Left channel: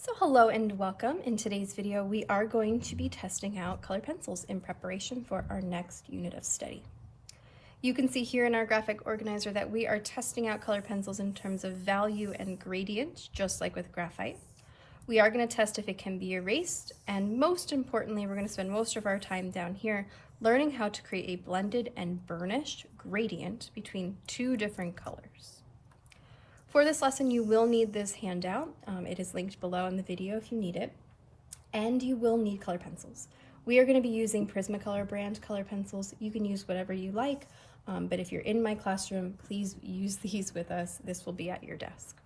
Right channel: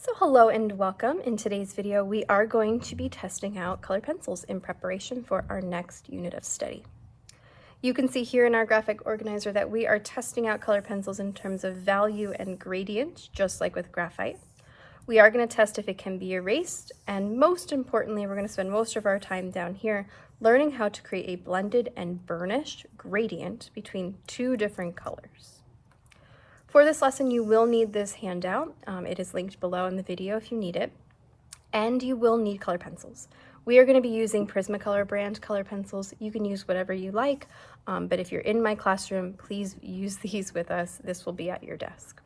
So hello and welcome. In today's video, we are going to be testing out colored pencils in preparation for our next unit of study. You can see here in our graphic organizer that we are testing out colored pencils in terms of value and gradient, just like with graphite. We are going to test if it can be erased, and most importantly, we're going to spend most of our time down here learning how to create a blended and burnished gradient between two different colors. For this lesson, you will need this handout. It is linked below in the video if you need it. And you will need color pencils. We are going to be using Prismacolor brand color pencils. You can use whatever you like, but if you're in my classroom, please use these with us. This will be at your desk.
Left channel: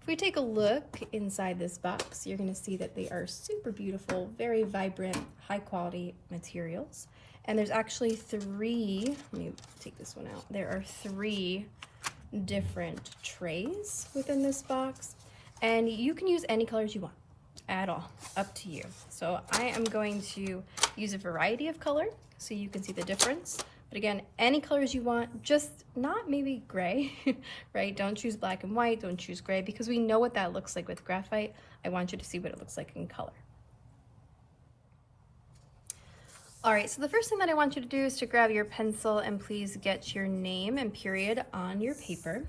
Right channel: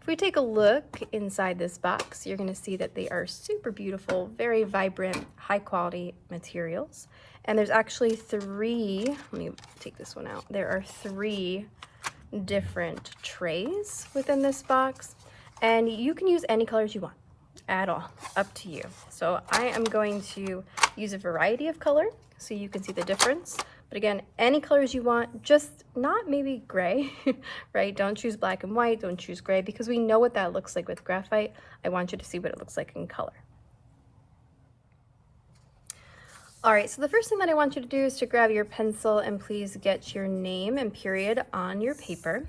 If we take a look inside this box, you're going to see that they are super beautiful, very vibrant, high quality materials. And there's actually three, let me take this one out. There are three different trays within this box, and you can use any colors you want at all, up to you. So I am going to use a variety of color so you can see the difference, but again, any colors you want, just not maybe gray, right? Don't choose black and white, don't choose gray, because we know what that looks like with graphite. I want you to see what it looks like in color. All right, so the first thing that I want you to do is to grab your pencil and please get your name and period on your paper.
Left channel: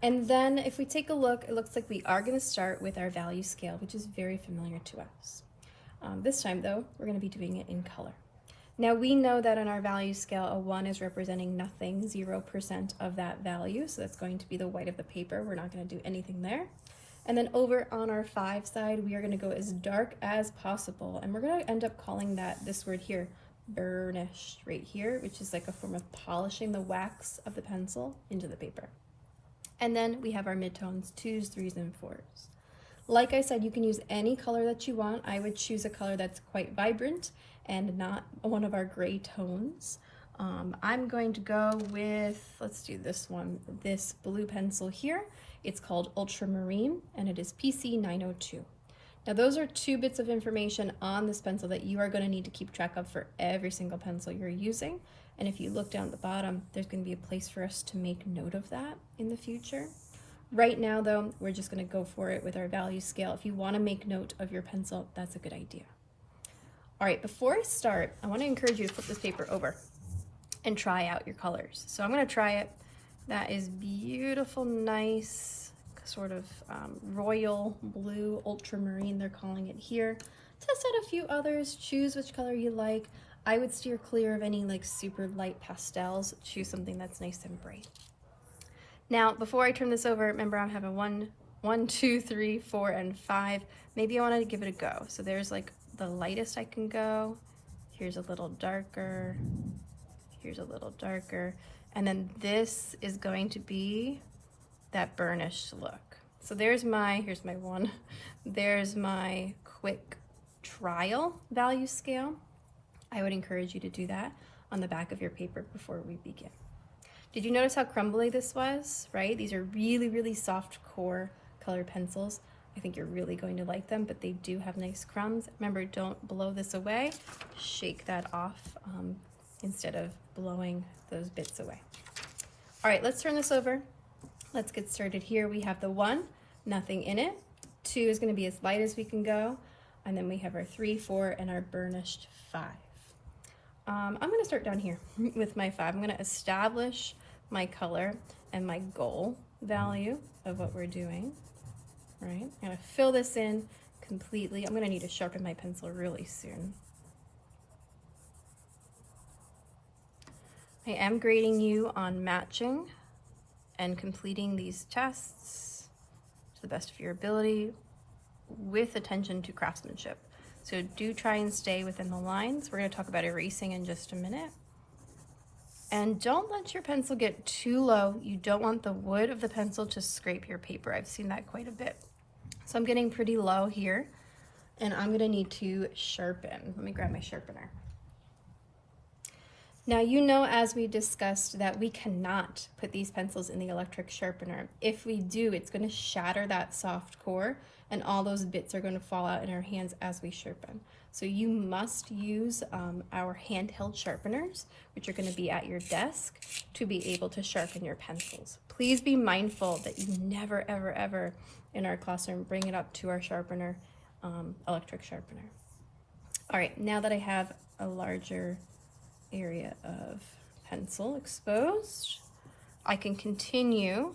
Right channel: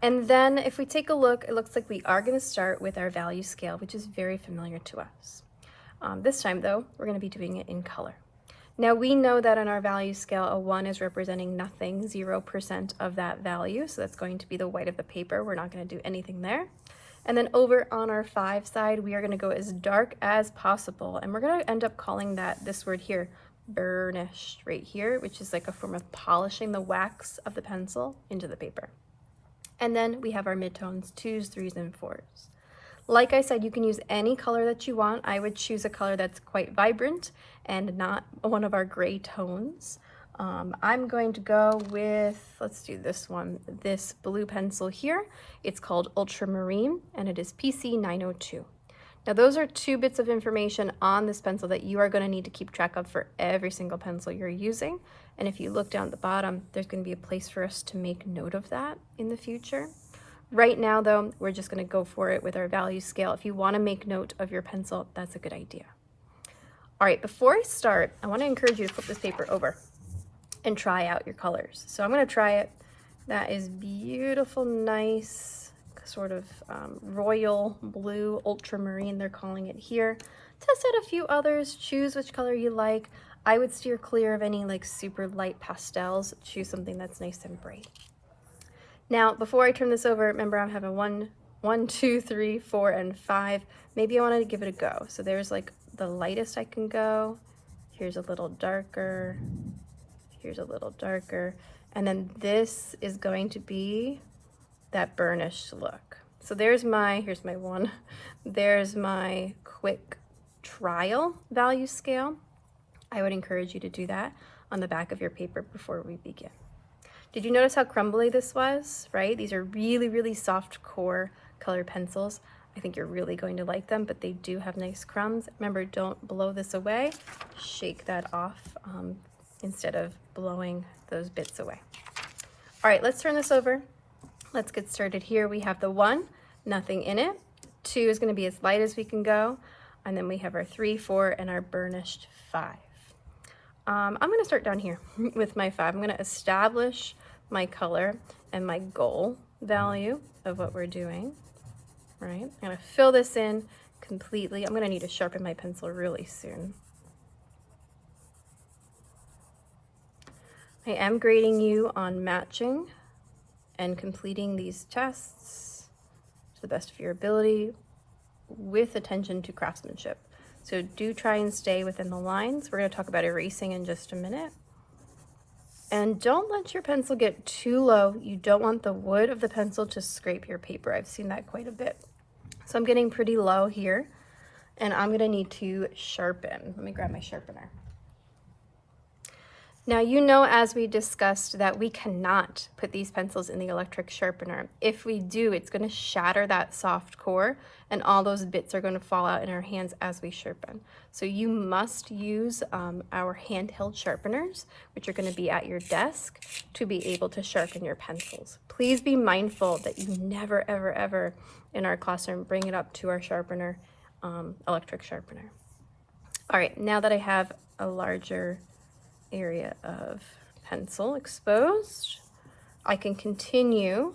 And then if we take a look, it looks like we are going to start with our value scale, which is very familiar to us. This time though, we're going to be doing it in color. Now we know that on our value scale, a 1 is representing nothing, 0% of that value. So that's going to be the white of the paper. We're not going to do anything there. And then over on our 5 side, we are going to go as dark as possible. And we're going to end up calling this word here, burnished right here, which is like a form of polishing the wax of the pencil into the paper. And then we have our midtones, 2s, 3s, and 4s. Like I said, you can use any color that you want. I would choose a color that's quite vibrant and not one of our gray tones. I'm going to go with, let's do this one, this blue pencil here. It's called Ultramarine, and it is PC 902. Now those are 2 bits of information on this pencil that you are going to need to keep track of for every single pencil you're using. And if you look down at the bottom, there's going to be a place for us to make note of that in the future. Right now though, we're just going to go for it with our value scale. If you want to make note of your pencil, that's a good idea. All right, before I start, I want to encourage you to flip this paper over and try out your colors. So I'm going to try it. That is beautiful, nice, sort of royal blue, ultramarine, they're calling it here. Test out a few others, choose which color you like. I would steer clear of any like super light pastels. Choose something that's nice and bright. Now, before I turn this over, remember I'm having 1, 2, 3, 4, and 5. Maybe I want to give it a go. So there's like the lightest I can go. Here's a little darker. Here's a little darker. And then this is going to be that burnished look. So here's my 1. There's my quick trial value scale. I would encourage you to do that on the back of your paper before we begin. Did you notice how crumbly this was, right? These are really, really soft core colored pencils. I think you're really going to like them, but they do have nice crumbs. Remember, don't blow this away. Shake that off instead of blowing those bits away. All right, let's turn this over. Let's get started here. We have the 1, nothing in it. 2 is going to be as light as we can go. And then we have our 3, 4, and our burnished 5. I'm going to start down here with my 5. I'm going to establish my color and my goal value of what we're doing. Right? I'm going to fill this in completely. I'm going to need to sharpen my pencil really soon. I am grading you on matching and completing these tests to the best of your ability with attention to craftsmanship. So do try and stay within the lines. We're going to talk about erasing in just a minute. And don't let your pencil get too low. You don't want the wood of the pencil to scrape your paper. I've seen that quite a bit. So I'm getting pretty low here, and I'm going to need to sharpen. Let me grab my sharpener. Now, you know, as we discussed, that we cannot put these pencils in the electric sharpener. If we do, it's going to shatter that soft core and all those bits are going to fall out in our hands as we sharpen. So you must use our handheld sharpeners, which are going to be at your desk, to be able to sharpen your pencils. Please be mindful that you never, ever, ever in our classroom bring it up to our sharpener, electric sharpener. All right, now that I have a larger area of pencil exposed, I can continue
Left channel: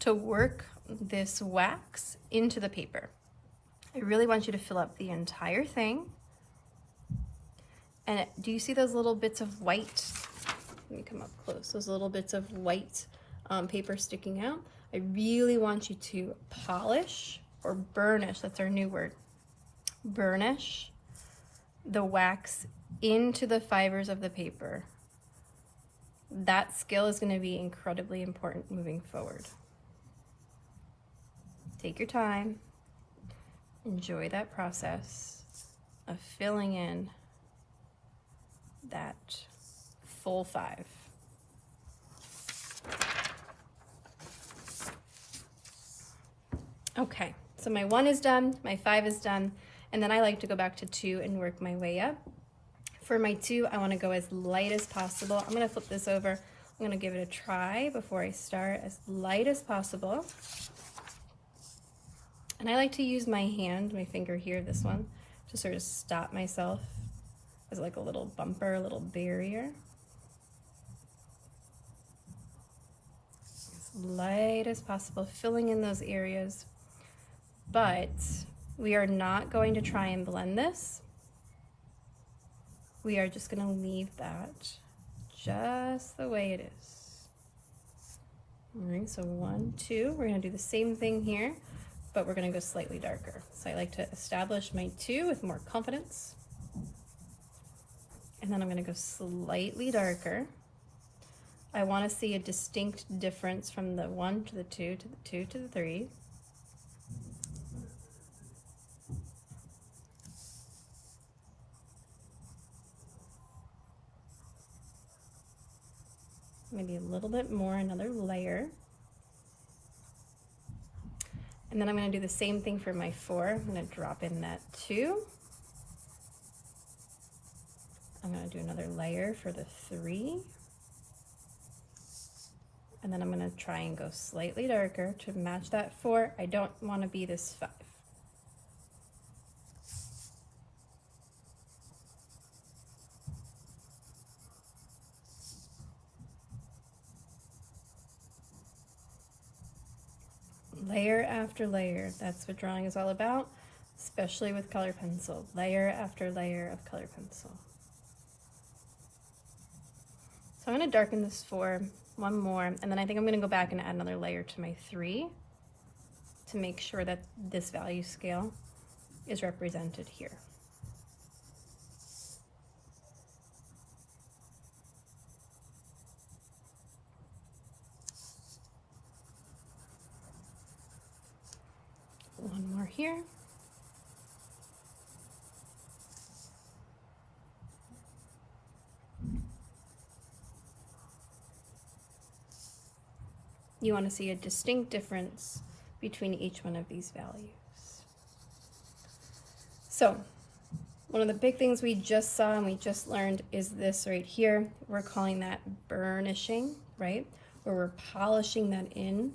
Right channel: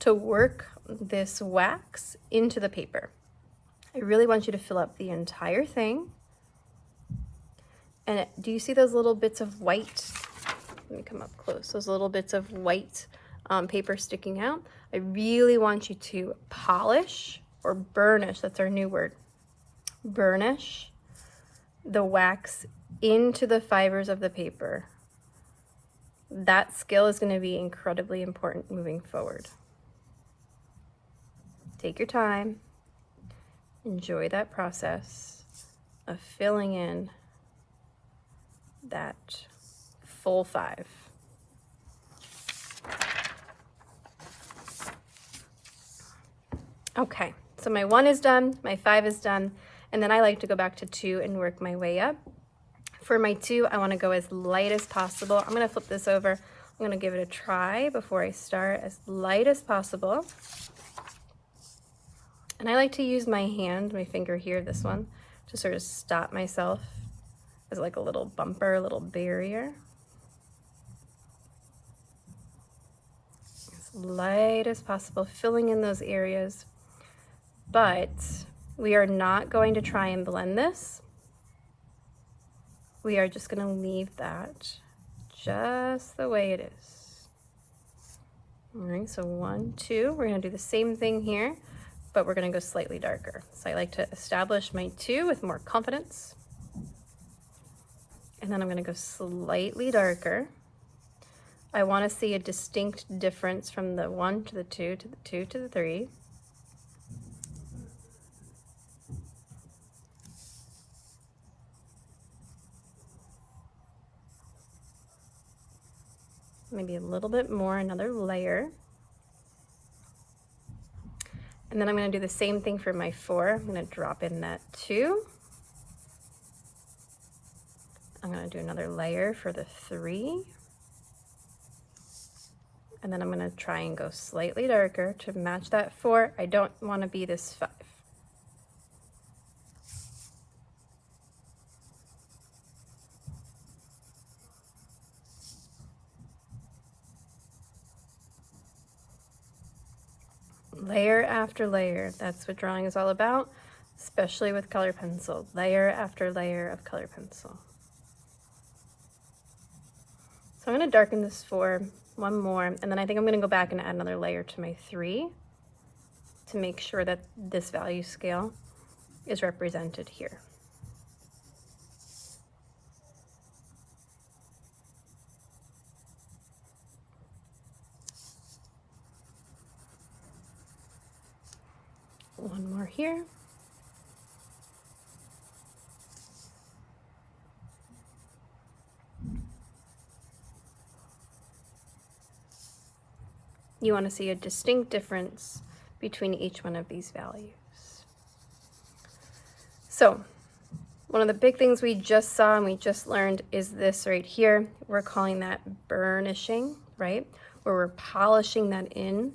to work this wax into the paper. I really want you to fill up the entire thing. And do you see those little bits of white? Let me come up close. Those little bits of white paper sticking out. I really want you to polish or burnish, that's our new word, burnish the wax into the fibers of the paper. That skill is going to be incredibly important moving forward. Take your time, enjoy that process of filling in that full 5. Okay, so my 1 is done, my 5 is done, and then I like to go back to 2 and work my way up. For my 2, I want to go as light as possible. I'm going to flip this over. I'm going to give it a try before I start, as light as possible. And I like to use my hand, my finger here, this one, to sort of stop myself as like a little bumper, a little barrier. As light as possible, filling in those areas. But we are not going to try and blend this. We are just going to leave that just the way it is. All right, so 1, 2, we're going to do the same thing here, but we're going to go slightly darker. So I like to establish my 2 with more confidence. And then I'm going to go slightly darker. I want to see a distinct difference from the 1 to the 2 to the 2 to the 3. Maybe a little bit more, another layer. And then I'm going to do the same thing for my 4. I'm going to drop in that 2. I'm going to do another layer for the 3. And then I'm going to try and go slightly darker to match that 4. I don't want to be this 5. Layer after layer, that's what drawing is all about, especially with color pencil. Layer after layer of color pencil. So I'm going to darken this 4, 1 more, and then I think I'm going to go back and add another layer to my 3 to make sure that this value scale is represented here. One more here. You want to see a distinct difference between each one of these values. So, one of the big things we just saw and we just learned is this right here. We're calling that burnishing, right? Where we're polishing that in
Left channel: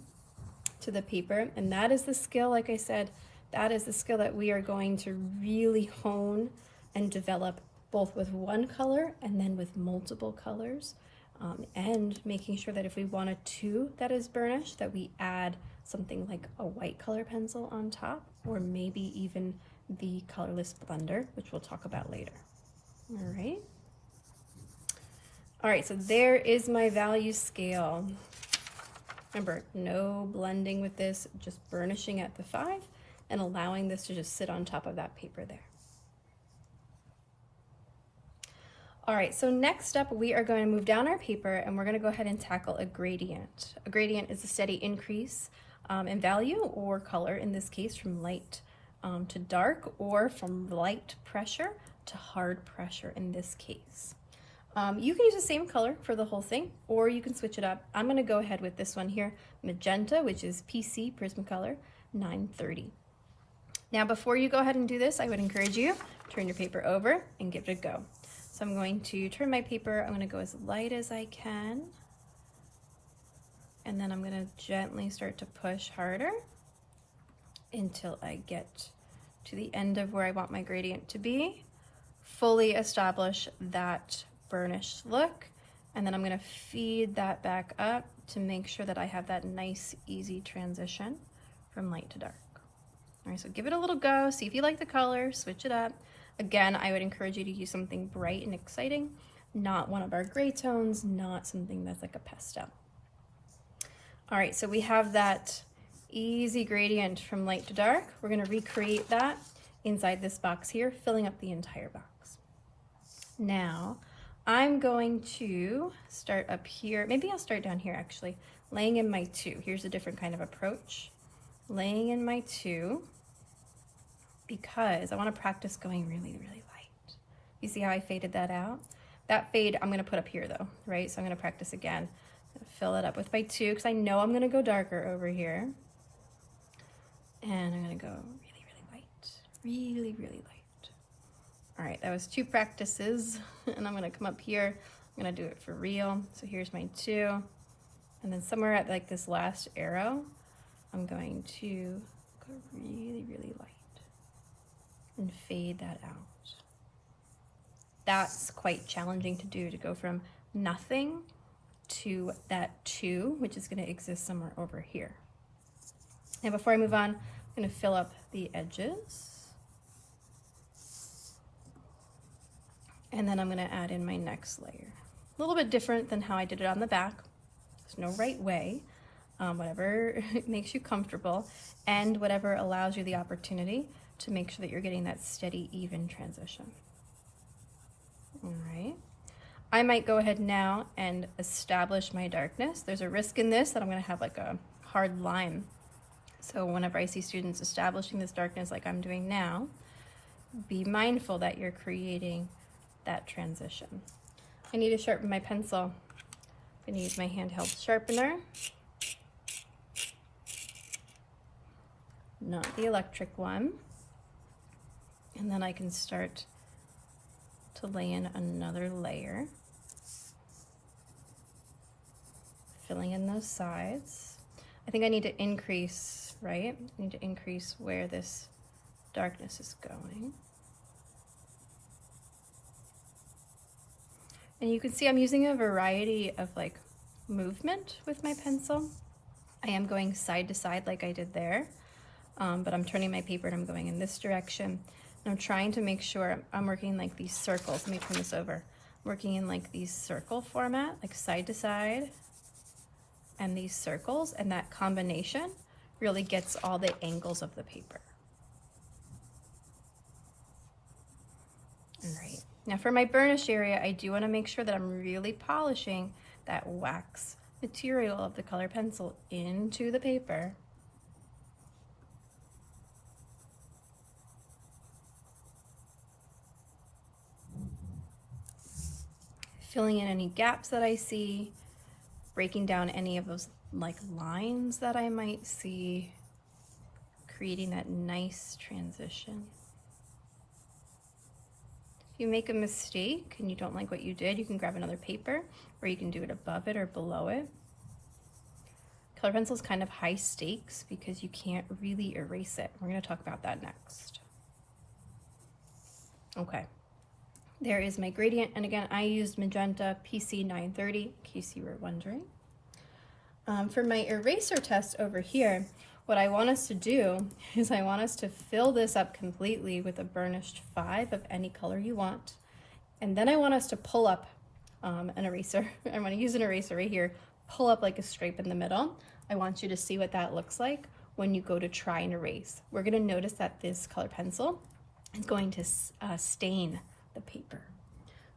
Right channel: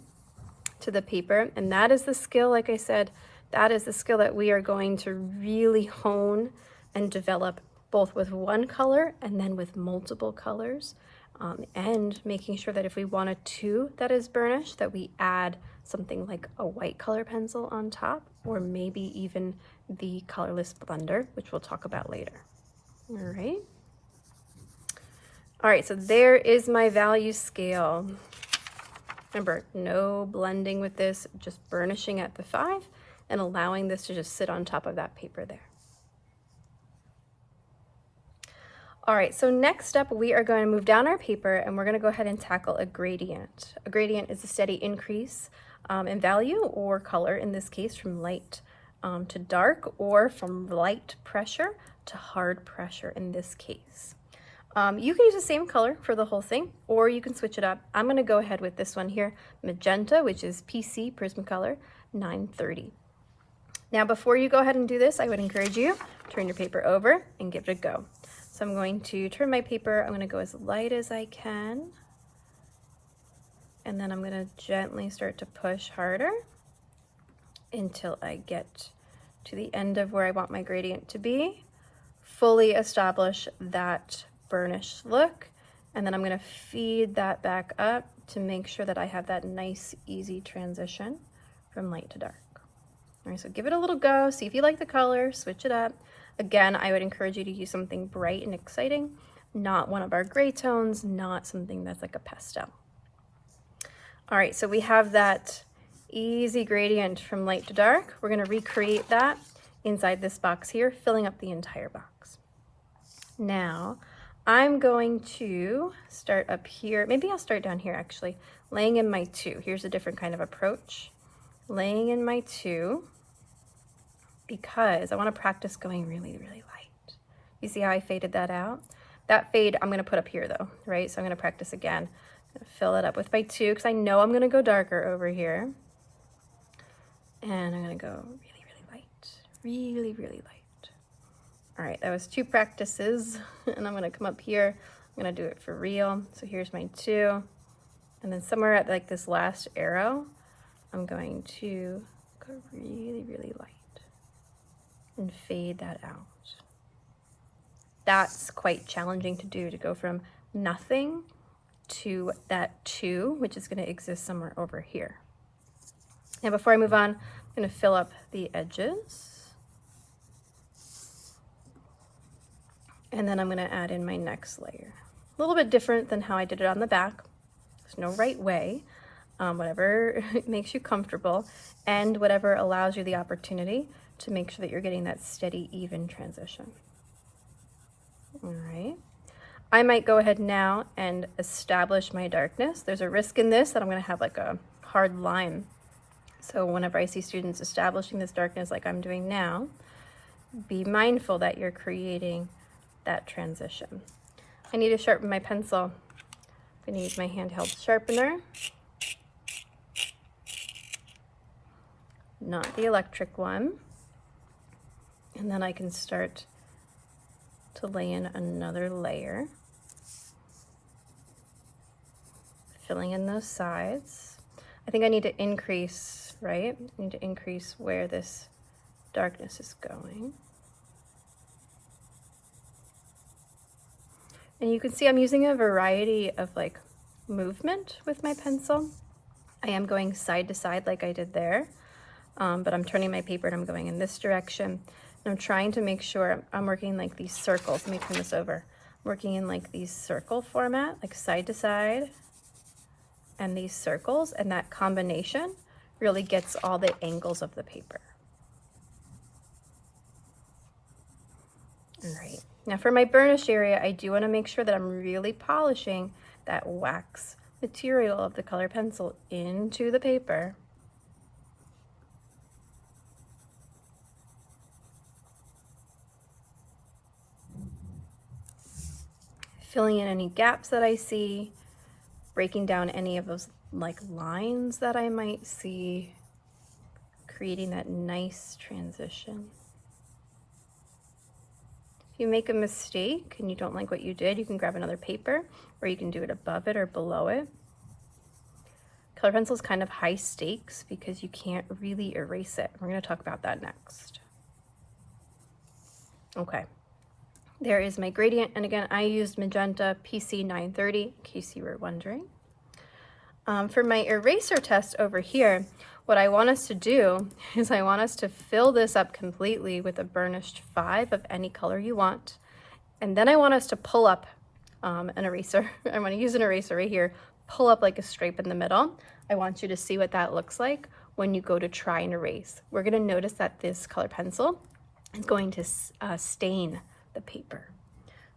to the paper, and that is the skill, like I said, that is the skill that we are going to really hone and develop, both with one color and then with multiple colors, and making sure that if we want a 2 that is burnished, that we add something like a white color pencil on top, or maybe even the colorless blender, which we'll talk about later. All right, so there is my value scale. Remember, no blending with this, just burnishing at the 5 and allowing this to just sit on top of that paper there. All right, so next up, we are going to move down our paper and we're going to go ahead and tackle a gradient. A gradient is a steady increase in value or color, in this case from light to dark, or from light pressure to hard pressure in this case. You can use the same color for the whole thing, or you can switch it up. I'm gonna go ahead with this one here, magenta, which is PC Prismacolor 930. Now, before you go ahead and do this, I would encourage you, turn your paper over and give it a go. So I'm going to turn my paper, I'm gonna go as light as I can, and then I'm gonna gently start to push harder until I get to the end of where I want my gradient to be, fully establish that burnish look, and then I'm gonna feed that back up to make sure that I have that nice, easy transition from light to dark. All right, so give it a little go, see if you like the color, switch it up. Again, I would encourage you to use something bright and exciting, not one of our gray tones, not something that's like a pastel. All right, so we have that easy gradient from light to dark. We're gonna recreate that inside this box here, filling up the entire box. Now, I'm going to start up here. Maybe I'll start down here actually, laying in my 2. Here's a different kind of approach. Laying in my 2, because I want to practice going really, really light. You see how I faded that out? That fade I'm going to put up here though, right? So I'm going to practice again. I'm going to fill it up with my 2 because I know I'm going to go darker over here. And I'm going to go really, really light. Really, really light. All right, that was 2 practices. And I'm going to come up here. I'm going to do it for real. So here's my 2. And then somewhere at like this last arrow, I'm going to go really, really light and fade that out. That's quite challenging to do, to go from nothing to that 2, which is going to exist somewhere over here. Now, before I move on, I'm going to fill up the edges. And then I'm going to add in my next layer. A little bit different than how I did it on the back. There's no right way. Whatever makes you comfortable and whatever allows you the opportunity to make sure that you're getting that steady, even transition. All right. I might go ahead now and establish my darkness. There's a risk in this that I'm going to have like a hard line. So whenever I see students establishing this darkness like I'm doing now, be mindful that you're creating that transition. I need to sharpen my pencil. I'm going to use my handheld sharpener. Not the electric one. And then I can start to lay in another layer, filling in those sides. I think I need to increase, right? I need to increase where this darkness is going. And you can see I'm using a variety of like movement with my pencil. I am going side to side like I did there, but I'm turning my paper and I'm going in this direction. And I'm trying to make sure I'm working like these circles. Let me turn this over. I'm working in like these circle format, like side to side, and these circles, and that combination really gets all the angles of the paper. All right. Now for my burnish area, I do want to make sure that I'm really polishing that wax material of the color pencil into the paper. Filling in any gaps that I see, breaking down any of those like lines that I might see, creating that nice transition. If you make a mistake and you don't like what you did, you can grab another paper, or you can do it above it or below it. Color pencil is kind of high stakes because you can't really erase it. We're going to talk about that next. Okay. There is my gradient, and again, I used magenta PC 930, in case you were wondering. For my eraser test over here, what I want us to do is I want us to fill this up completely with a burnished 5 of any color you want, and then I want us to pull up an eraser. I'm going to use an eraser right here, pull up like a stripe in the middle. I want you to see what that looks like when you go to try and erase. We're going to notice that this color pencil is going to stain the paper.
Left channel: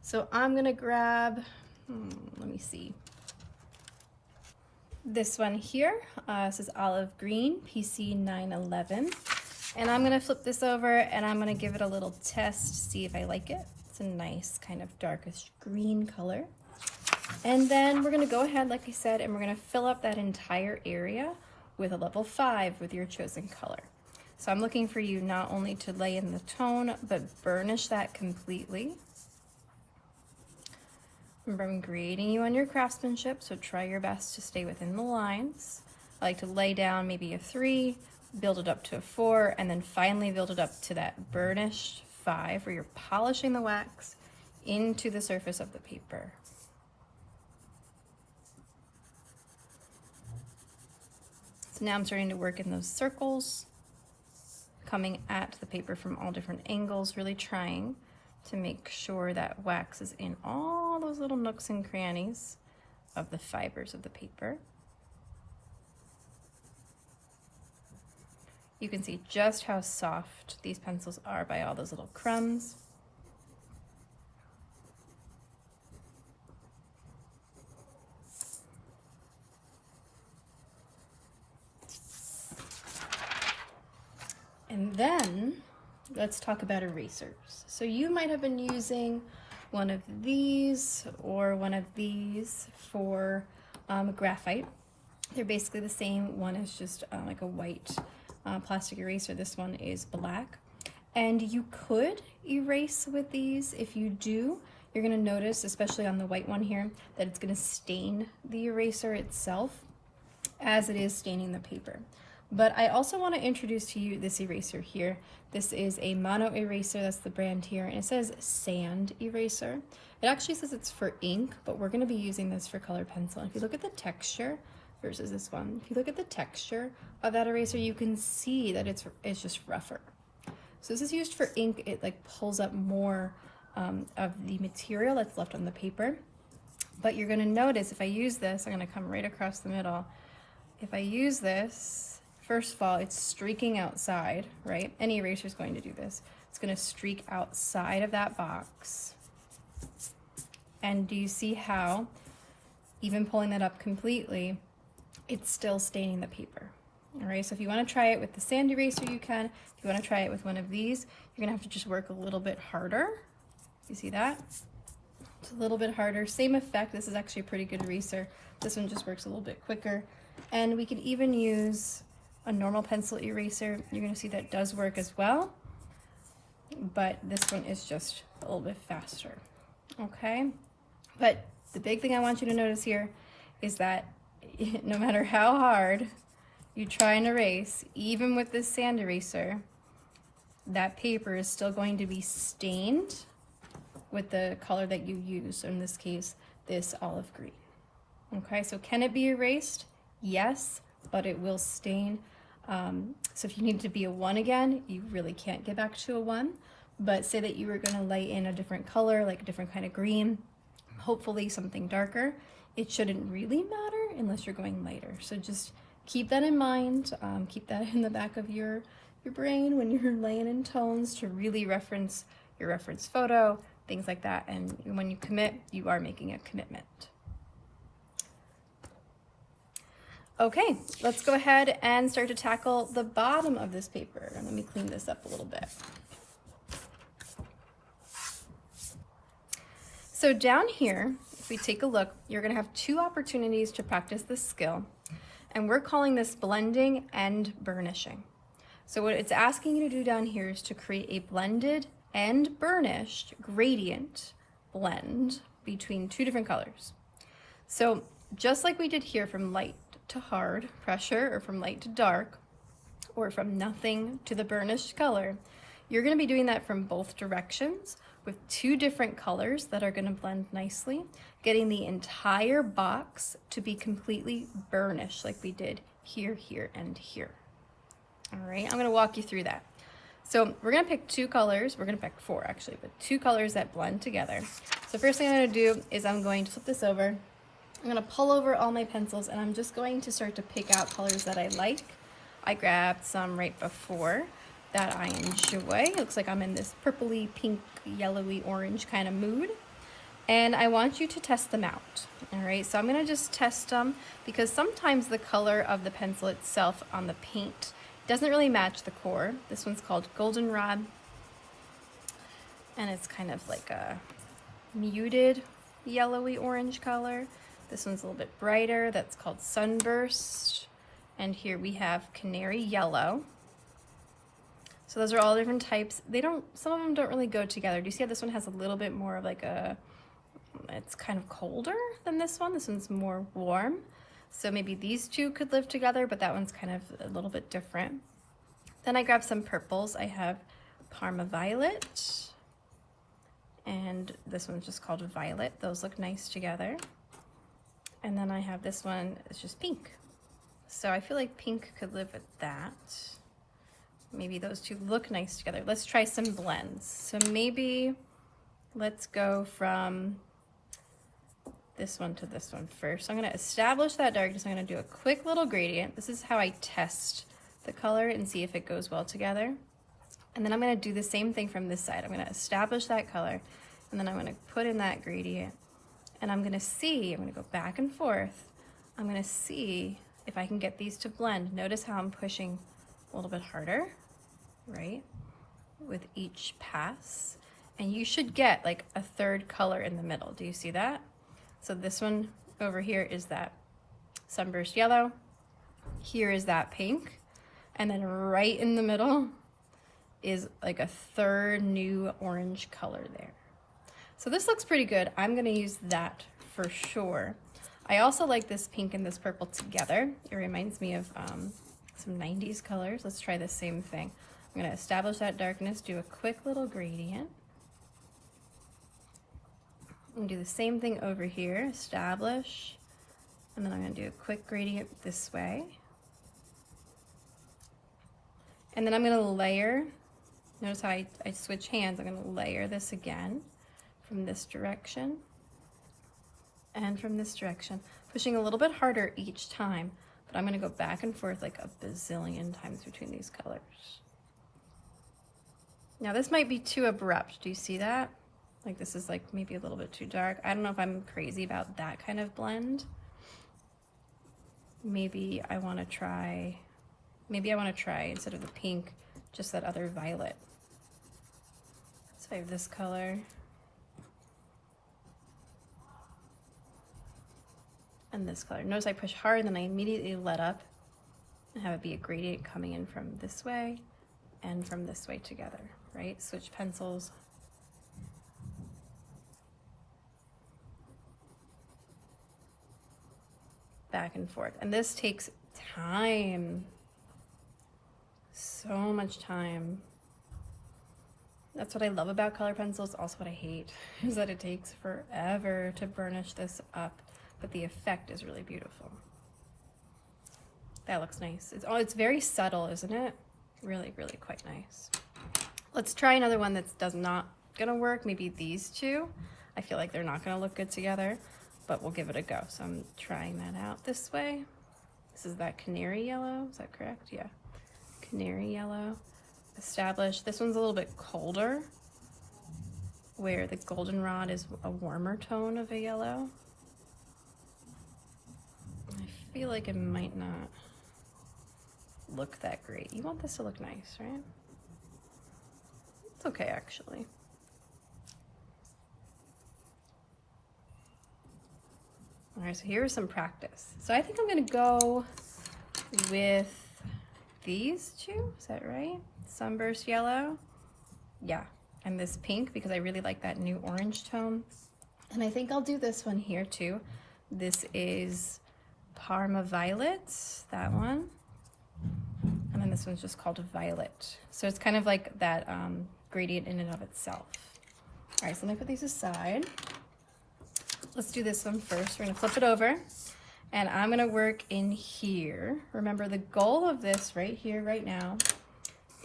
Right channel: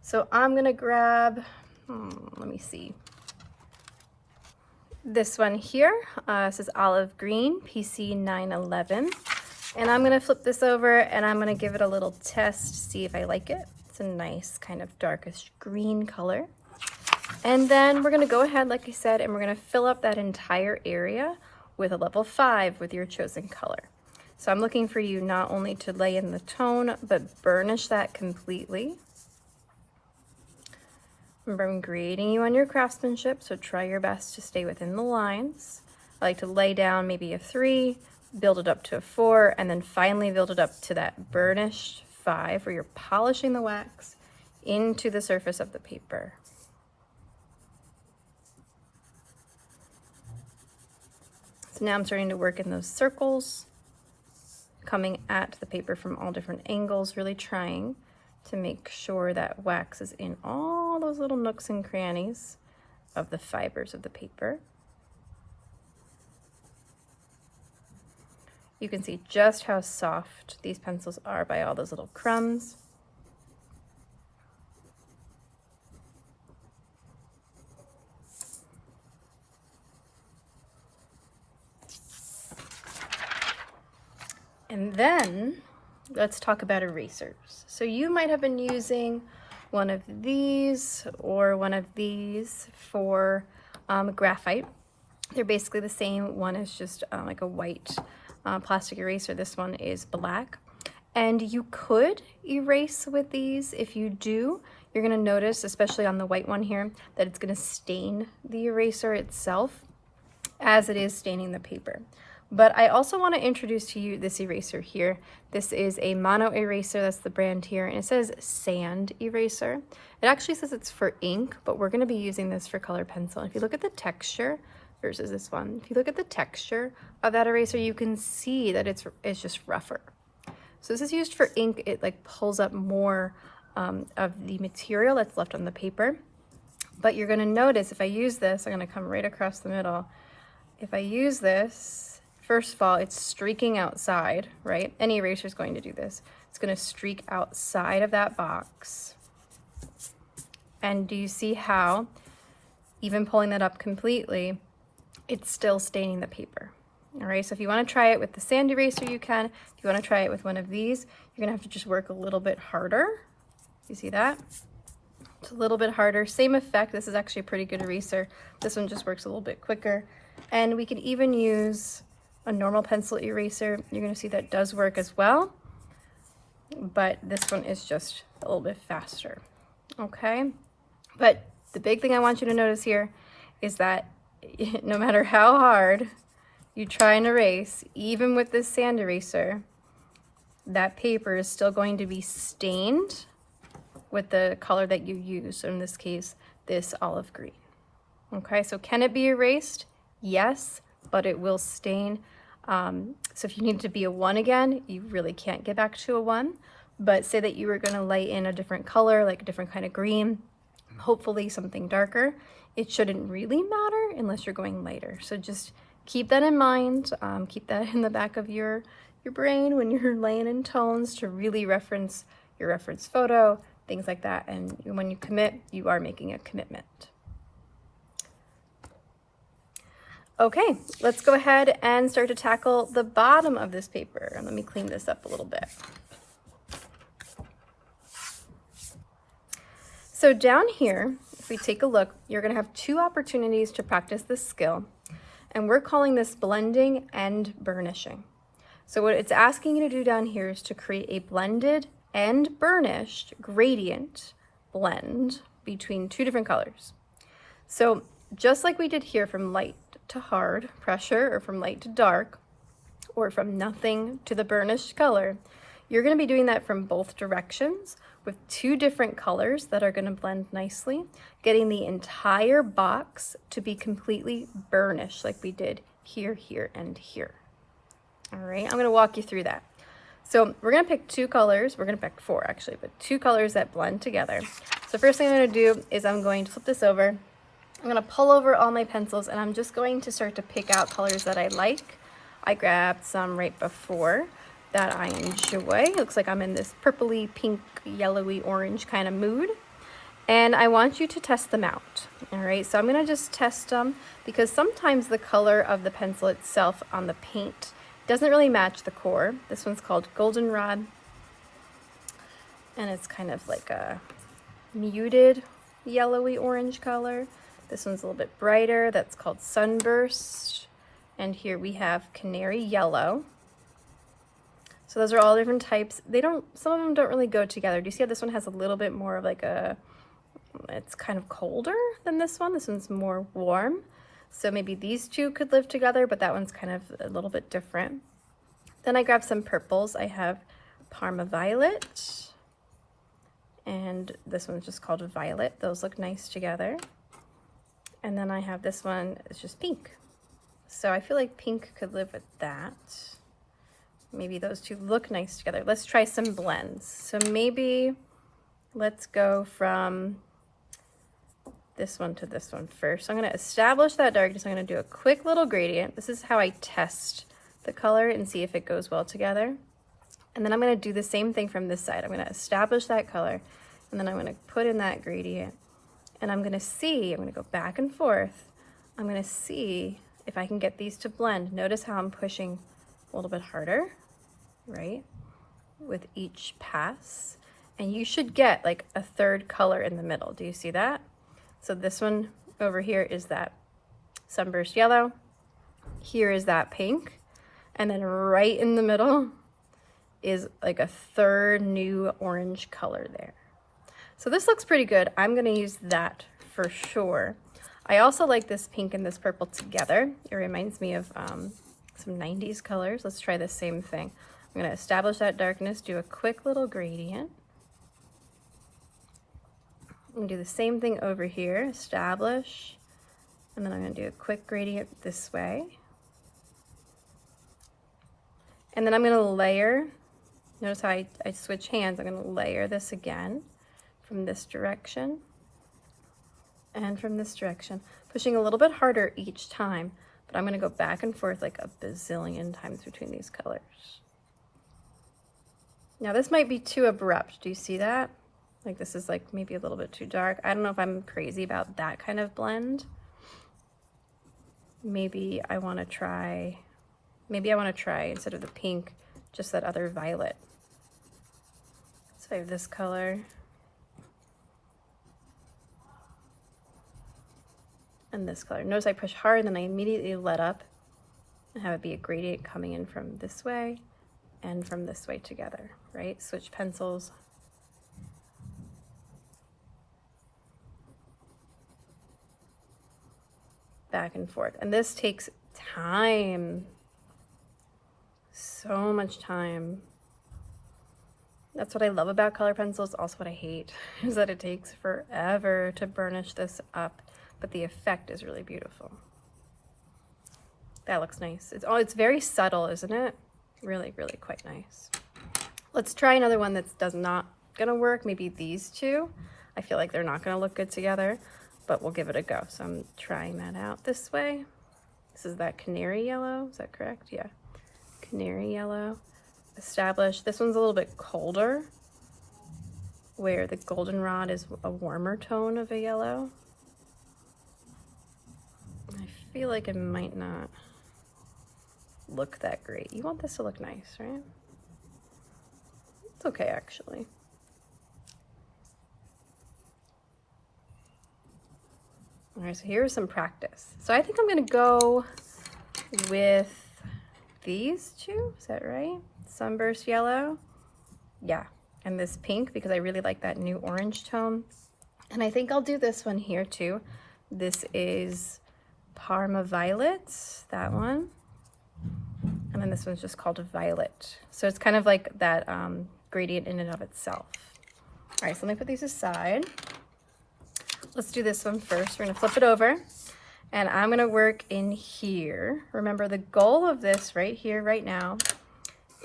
So I'm gonna grab, let me see, this one here. This is olive green, PC 911. And I'm gonna flip this over and I'm gonna give it a little test, see if I like it, It's a nice kind of darkish green color. And then we're gonna go ahead, like I said, and we're gonna fill up that entire area with a level 5 with your chosen color. So I'm looking for you not only to lay in the tone, but burnish that completely. Remember, I'm grading you on your craftsmanship, so try your best to stay within the lines. I like to lay down maybe a 3, build it up to a 4, and then finally build it up to that burnished 5 where you're polishing the wax into the surface of the paper. So now I'm starting to work in those circles, coming at the paper from all different angles, really trying to make sure that wax is in all those little nooks and crannies of the fibers of the paper. You can see just how soft these pencils are by all those little crumbs. And then let's talk about erasers. So you might have been using one of these or one of these for graphite. They're basically the same. One is just like a white plastic eraser. This one is black. And you could erase with these. If you do, you're gonna notice, especially on the white one here, that it's gonna stain the eraser itself as it is staining the paper. But I also want to introduce to you this eraser here. This is a mono eraser, that's the brand here, and it says sand eraser. It actually says it's for ink, but we're going to be using this for color pencil. If you look at the texture versus this one, if you look at the texture of that eraser, you can see that it's just rougher. So this is used for ink. It like pulls up more of the material that's left on the paper. But you're going to notice if I use this, I'm going to come right across the middle. If I use this, first of all, it's streaking outside, right? Any eraser is going to do this. It's going to streak outside of that box. And do you see how, even pulling that up completely, it's still staining the paper? All right, so if you want to try it with the sand eraser, you can. If you want to try it with one of these, you're going to have to just work a little bit harder. You see that? It's a little bit harder. Same effect. This is actually a pretty good eraser. This one just works a little bit quicker. And we can even use a normal pencil eraser. You're going to see that does work as well, but this one is just a little bit faster. Okay, but the big thing I want you to notice here is that no matter how hard you try and erase, even with this sand eraser, that paper is still going to be stained with the color that you use. So in this case, this olive green. Okay, so can it be erased? Yes, but it will stain. So if you need to be a 1 again, you really can't get back to a 1. But say that you were going to lay in a different color, like a different kind of green, hopefully something darker. It shouldn't really matter unless you're going lighter. So just keep that in mind. Keep that in the back of your brain when you're laying in tones to really reference your reference photo, things like that. And when you commit, you are making a commitment. Okay, let's go ahead and start to tackle the bottom of this paper. Let me clean this up a little bit. So down here, if we take a look, you're gonna have 2 opportunities to practice this skill, and we're calling this blending and burnishing. So what it's asking you to do down here is to create a blended and burnished gradient blend between 2 different colors. So just like we did here from light to hard pressure, or from light to dark, or from nothing to the burnished color, you're going to be doing that from both directions with 2 different colors that are going to blend nicely, getting the entire box to be completely burnished like we did here, here, and here. All right, I'm going to walk you through that. So we're going to pick 2 colors. We're going to pick 4 actually, but 2 colors that blend together. So first thing I'm going to do is I'm going to flip this over. I'm going to pull over all my pencils, and I'm just going to start to pick out colors that I like. I grabbed some right before that I enjoy. It looks like I'm in this purpley, pink, yellowy, orange kind of mood. And I want you to test them out. All right, so I'm going to just test them because sometimes the color of the pencil itself on the paint doesn't really match the core. This one's called Goldenrod. and it's kind of like a muted yellowy orange color. This one's a little bit brighter, that's called Sunburst. And here we have Canary Yellow. So those are all different types. Some of them don't really go together. Do you see how this one has a little bit more of like it's kind of colder than this one? This one's more warm. So maybe these two could live together, but that one's kind of a little bit different. Then I grabbed some purples. I have Parma Violet, and this one's just called Violet. Those look nice together. And then I have this one, it's just pink. So I feel like pink could live with that. Maybe those two look nice together. Let's try some blends. So maybe let's go from this one to this one first. So I'm going to establish that darkness. I'm going to do a quick little gradient. This is how I test the color and see if it goes well together. And then I'm going to do the same thing from this side. I'm going to establish that color, and then I'm going to put in that gradient. And I'm going to go back and forth. I'm going to see if I can get these to blend. Notice how I'm pushing a little bit harder, right, with each pass. And you should get like a third color in the middle. Do you see that? So this one over here is that Sunburst Yellow. Here is that pink. And then right in the middle is like a third new orange color there. So this looks pretty good. I'm gonna use that for sure. I also like this pink and this purple together. It reminds me of some 90s colors. Let's try the same thing. I'm gonna establish that darkness, do a quick little gradient. I'm gonna do the same thing over here, establish, and then I'm gonna do a quick gradient this way. And then I'm gonna layer. Notice how I switch hands. I'm gonna layer this again from this direction and from this direction, pushing a little bit harder each time, but I'm gonna go back and forth like a bazillion times between these colors. Now this might be too abrupt. Do you see that? Like this is like maybe a little bit too dark. I don't know if I'm crazy about that kind of blend. Maybe I wanna try, instead of the pink, just that other violet. So I have this color. And this color. Notice I push hard and then I immediately let up and have it be a gradient coming in from this way and from this way together, right? Switch pencils. Back and forth. And this takes time. So much time. That's what I love about color pencils. Also what I hate is that it takes forever to burnish this up, but the effect is really beautiful. That looks nice. It's very subtle, isn't it? Really, really quite nice. Let's try another one that's not gonna work. Maybe these two. I feel like they're not gonna look good together, but we'll give it a go. So I'm trying that out this way. This is that Canary Yellow, is that correct? Yeah, Canary Yellow. Establish. This one's a little bit colder, where the Goldenrod is a warmer tone of a yellow. I feel like it might not look that great. You want this to look nice, right? It's okay, actually. All right, so here's some practice. So I think I'm gonna go with these two, is that right? Sunburst Yellow, yeah, and this pink, because I really like that new orange tone. And I think I'll do this one here too. This is Parma Violet, that one. And then this one's just called Violet. So it's kind of like that gradient in and of itself. All right, so let me put these aside. Let's do this one first. We're gonna flip it over and I'm gonna work in here. Remember, the goal of this right here, right now,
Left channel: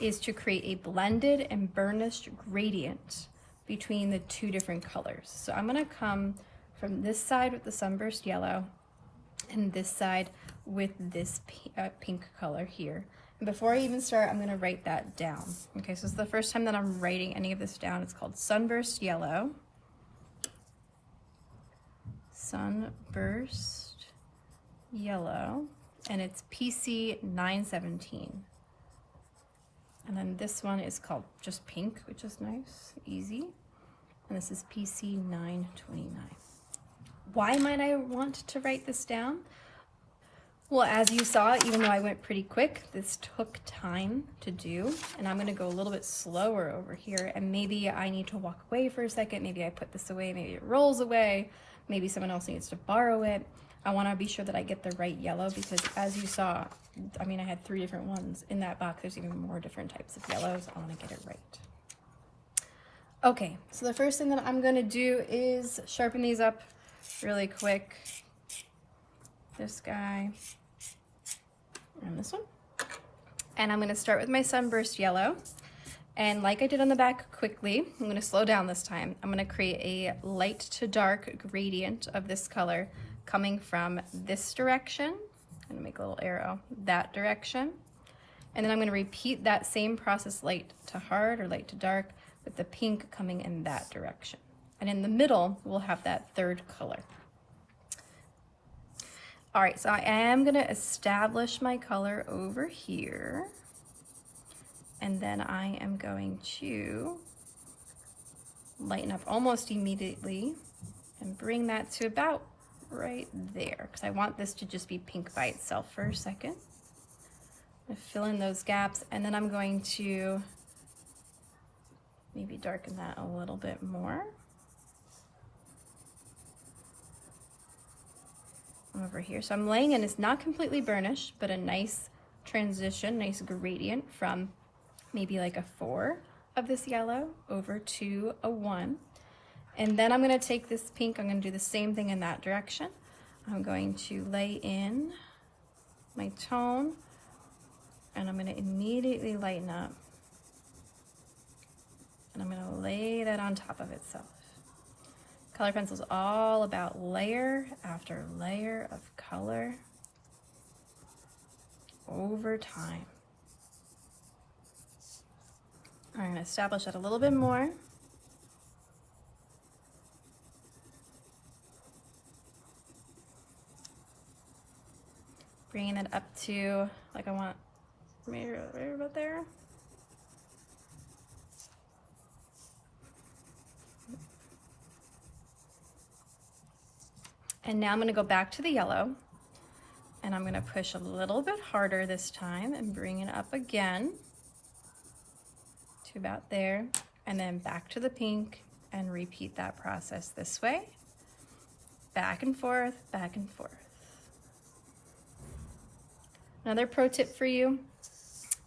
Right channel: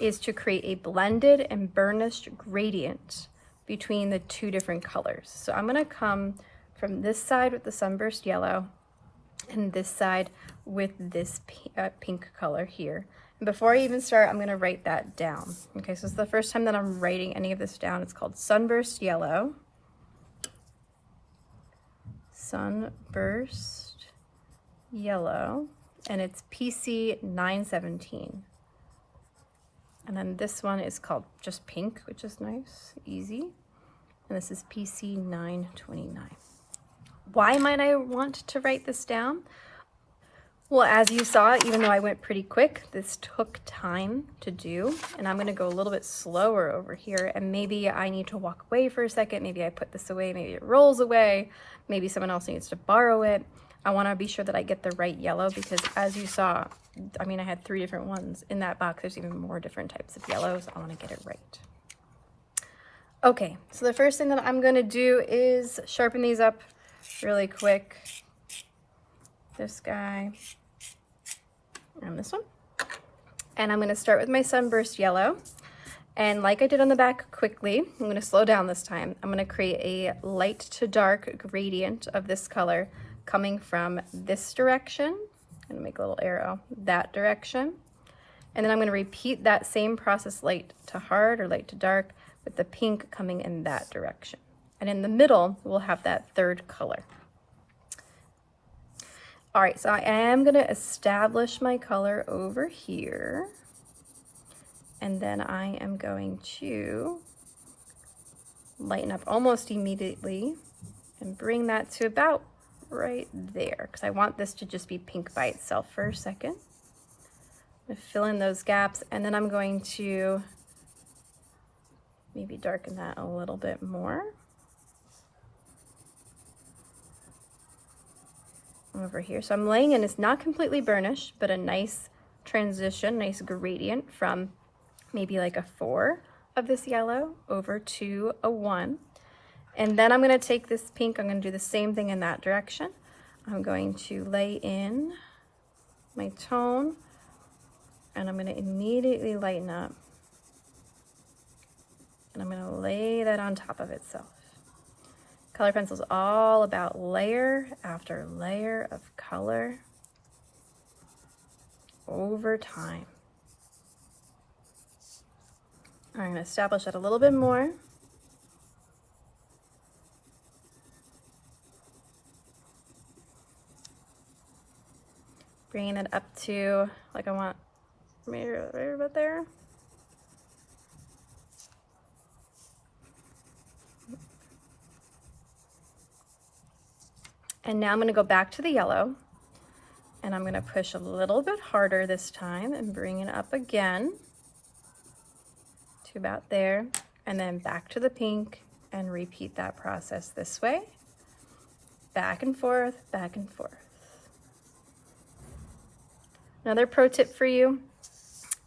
is to create a blended and burnished gradient between the two different colors. So I'm gonna come from this side with the Sunburst Yellow and this side with this pink color here. And before I even start, I'm gonna write that down. Okay, so it's the first time that I'm writing any of this down. It's called Sunburst Yellow. Sunburst Yellow, and it's PC 917. And then this one is called just pink, which is nice, easy. And this is PC 929. Why might I want to write this down? Well, as you saw, even though I went pretty quick, this took time to do, and I'm gonna go a little bit slower over here, and maybe I need to walk away for a second, maybe I put this away, maybe it rolls away, maybe someone else needs to borrow it. I wanna be sure that I get the right yellow because as you saw, I mean, I had 3 different ones in that box. There's even more different types of yellows. I wanna get it right. Okay, so the first thing that I'm gonna do is sharpen these up really quick. This guy. And this one. And I'm gonna start with my Sunburst Yellow. And like I did on the back quickly, I'm gonna slow down this time. I'm gonna create a light to dark gradient of this color coming from this direction. I'm gonna make a little arrow, that direction. And then I'm gonna repeat that same process, light to hard or light to dark, with the pink coming in that direction. And in the middle, we'll have that third color. All right, so I am gonna establish my color over here. And then I am going to lighten up almost immediately and bring that to about right there, because I want this to just be pink by itself for a second. I'm gonna fill in those gaps, and then I'm going to maybe darken that a little bit more. Over here. So I'm laying in, it's not completely burnished, but a nice transition, nice gradient from maybe like a 4 of this yellow over to a 1. And then I'm going to take this pink, I'm going to do the same thing in that direction. I'm going to lay in my tone, and I'm going to immediately lighten up. And I'm going to lay that on top of itself. Color pencil is all about layer after layer of color over time. I'm going to establish that a little bit more. Bringing it up to, like I want, maybe right about there. And now I'm going to go back to the yellow, and I'm going to push a little bit harder this time and bring it up again to about there, and then back to the pink and repeat that process this way, back and forth, back and forth. Another pro tip for you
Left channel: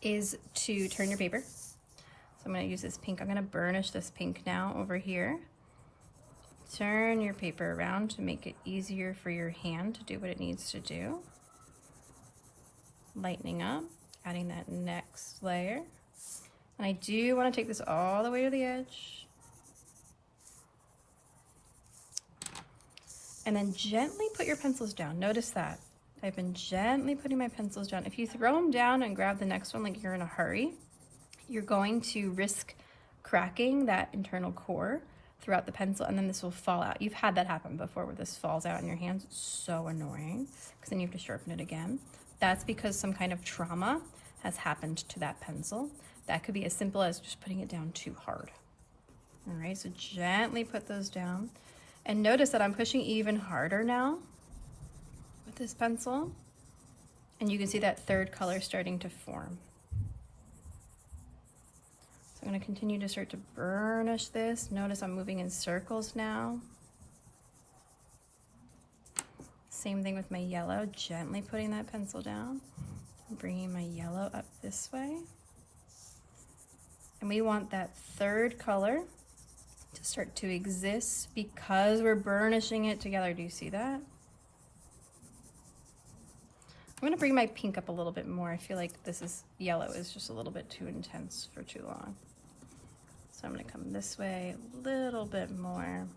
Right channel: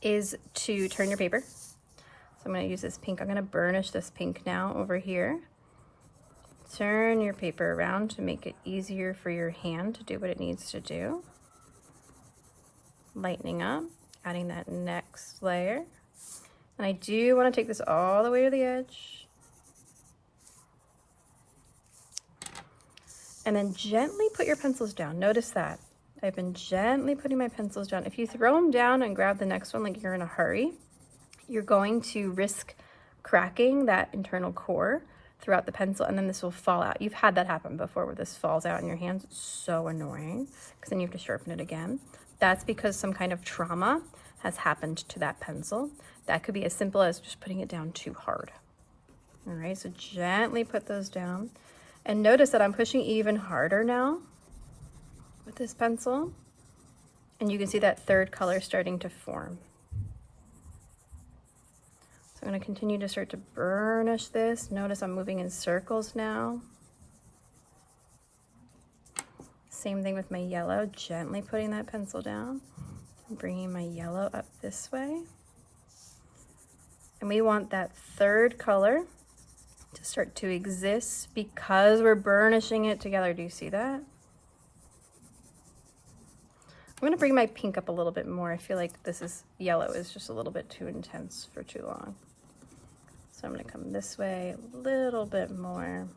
is to turn your paper. So I'm going to use this pink. I'm going to burnish this pink now over here. Turn your paper around to make it easier for your hand to do what it needs to do. Lightening up, adding that next layer. And I do want to take this all the way to the edge. And then gently put your pencils down. Notice that. I've been gently putting my pencils down. If you throw them down and grab the next one like you're in a hurry, you're going to risk cracking that internal core throughout the pencil, and then this will fall out. You've had that happen before where this falls out in your hands. It's so annoying because then you have to sharpen it again. That's because some kind of trauma has happened to that pencil. That could be as simple as just putting it down too hard. All right, so gently put those down. And notice that I'm pushing even harder now with this pencil. And you can see that third color starting to form. I'm going to continue to start to burnish this. Notice I'm moving in circles now. Same thing with my yellow, gently putting that pencil down and bringing my yellow up this way. And we want that third color to start to exist because we're burnishing it together. Do you see that? I'm going to bring my pink up a little bit more. I feel like yellow is just a little bit too intense for too long. So I'm going to come this way a little bit more.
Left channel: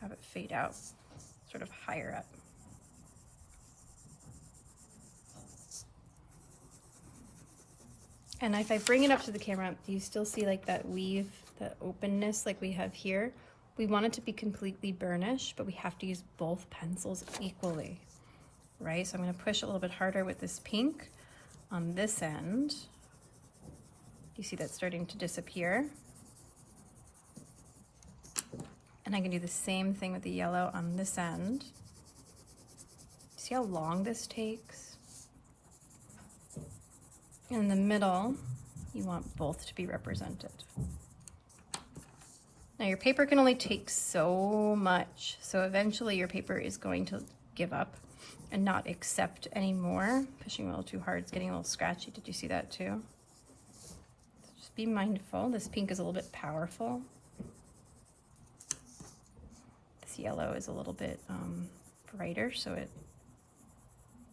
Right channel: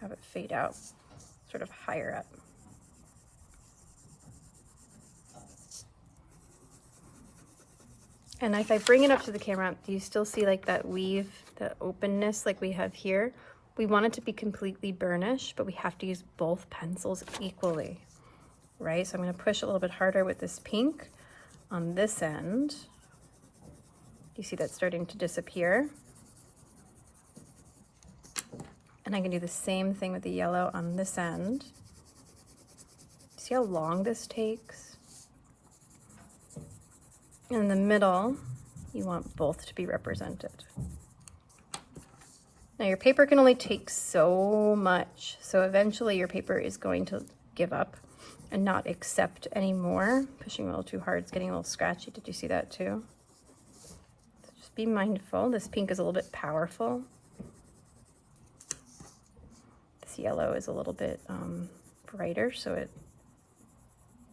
Have it fade out sort of higher up. And if I bring it up to the camera, do you still see like that weave, the openness like we have here? We want it to be completely burnished, but we have to use both pencils equally, right? So I'm going to push a little bit harder with this pink, on this end. You see that starting to disappear. And I can do the same thing with the yellow on this end. See how long this takes? In the middle, you want both to be represented. Now your paper can only take so much, so eventually your paper is going to give up and not accept anymore. Pushing a little too hard, it's getting a little scratchy. Did you see that too? So just be mindful. This pink is a little bit powerful. This yellow is a little bit brighter, so it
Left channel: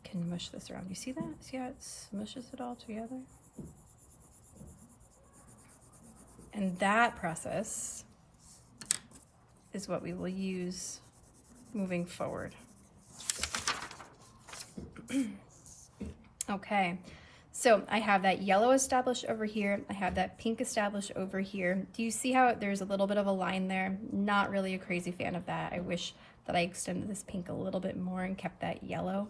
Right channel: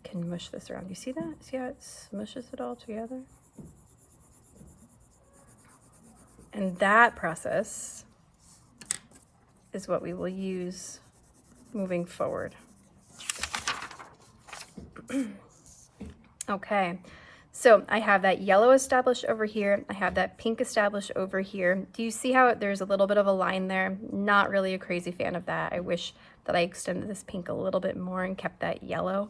can mush this around. You see that? See how it smushes it all together? And that process is what we will use moving forward. Okay, so I have that yellow established over here. I have that pink established over here. Do you see how there's a little bit of a line there? Not really a crazy fan of that. I wish that I extended this pink a little bit more and kept that yellow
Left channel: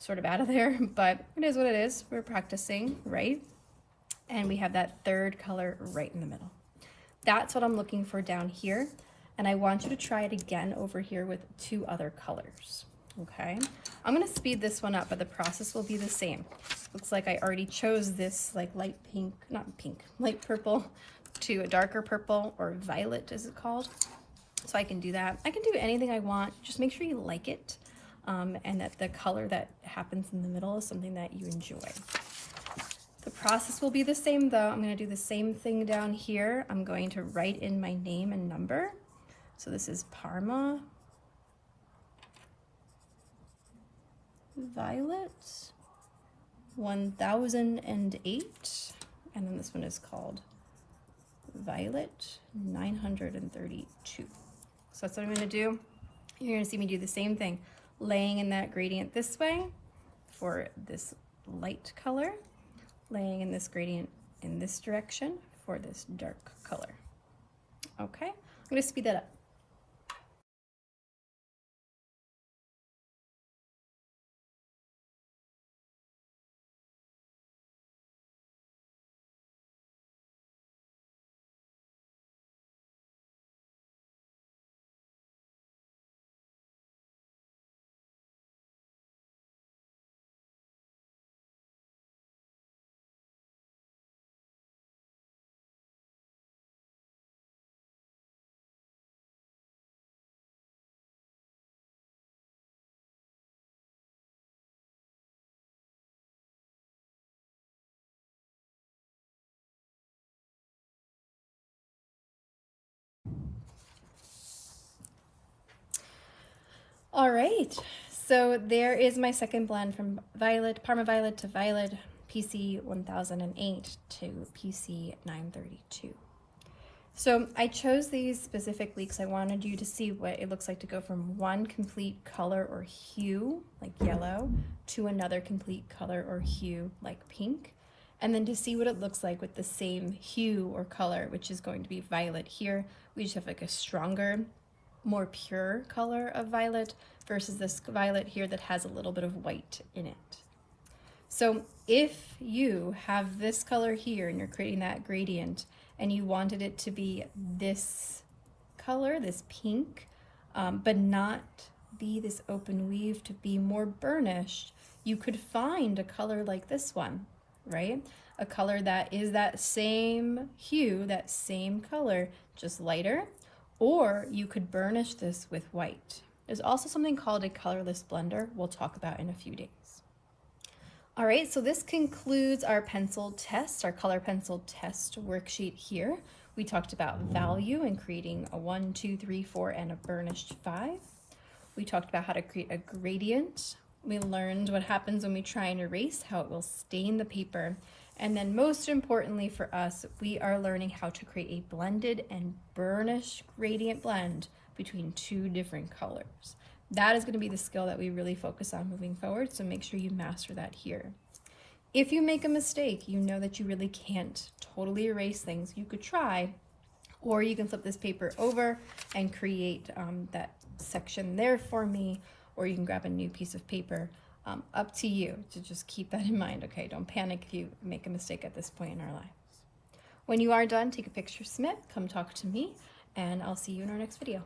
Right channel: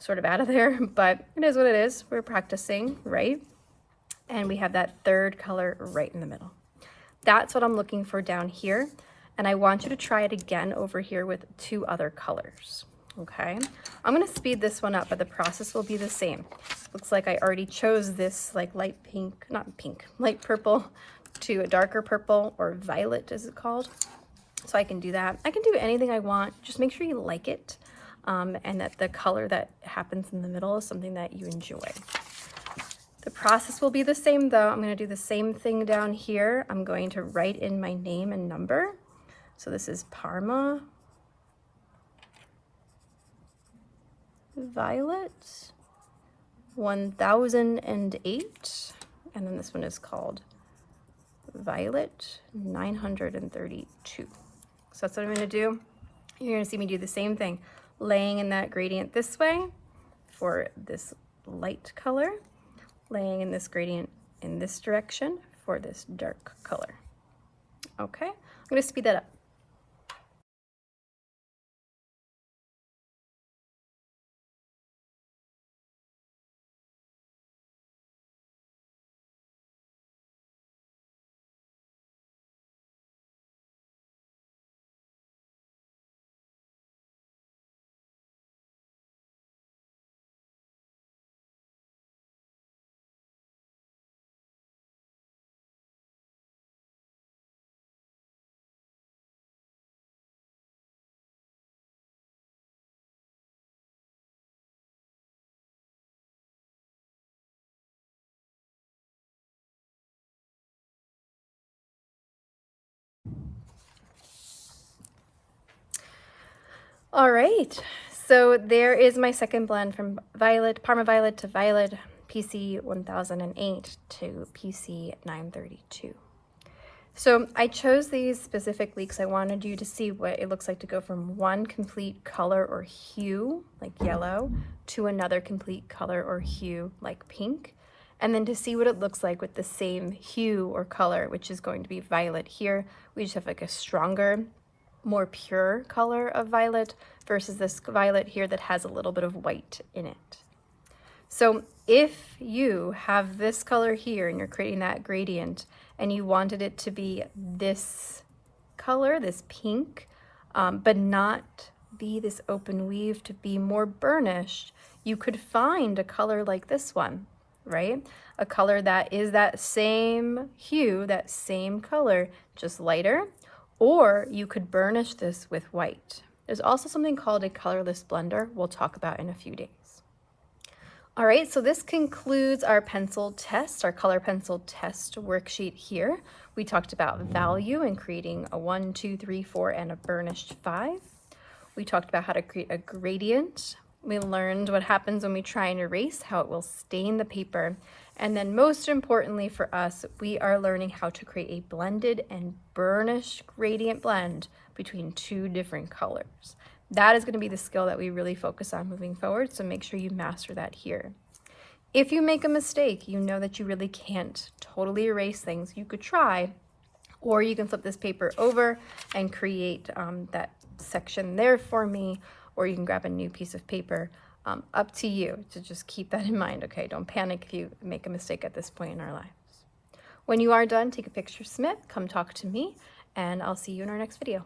sort of out of there, but it is what it is. We're practicing, right? And we have that third color right in the middle. That's what I'm looking for down here. And I want you to try it again over here with 2 other colors, okay? I'm gonna speed this one up, but the process will be the same. Looks like I already chose this like light pink, not pink, light purple to a darker purple, or violet as it's called. So I can do that. I can do anything I want. Just make sure you like it. And that the color that happens in the middle is something that you enjoy. The process will be the same though. I'm going to do the same thing down here. I'm going to write in my name and number. So this is Parma Violet 1008. And then this one is called Violet 932. So that's what I'm going to do. You're going to see me do the same thing. Laying in that gradient this way for this light color, laying in this gradient in this direction for this dark color. Okay, I'm going to speed that up. All right, so there is my second blend from Violet, Parma Violet to Violet, PC 1008 to PC 932. So I chose these specifically because I wanted you to see what it looks like to go from one complete color or hue, like yellow, to another complete color or hue, like pink, and then to see what it looks like with the same hue or color, which is going to be violet here. We just have like a stronger, more pure color of violet versus this violet here that has a little bit of white in it. So if you have this color here and you're creating that gradient and you wanted it to be this color, this pink, but not be this open weave, to be more burnished, you could find a color like this one, right? A color that is that same hue, that same color, just lighter. Or you could burnish this with white. There's also something called a colorless blender we'll talk about in a few days. All right, so this concludes our pencil test, our color pencil test worksheet here. We talked about value and creating a 1, 2, 3, 4, and a burnished 5. We talked about how to create a gradient. We learned what happens when we try and erase, how it will stain the paper. And then most importantly for us, we are learning how to create a blended and burnished gradient blend between 2 different colors. That is going to be the skill that we really focus on moving forward, so make sure you master that here. If you make a mistake, you know that you really can't totally erase things. You could try, or you can flip this paper over and create that section there for me, or you can grab a new piece of paper Up to you to just keep that in mind, okay? Don't panic if you make a mistake at this point in our lives. When you are done, take a picture, submit, come talk to me, and I'll see you in our next video.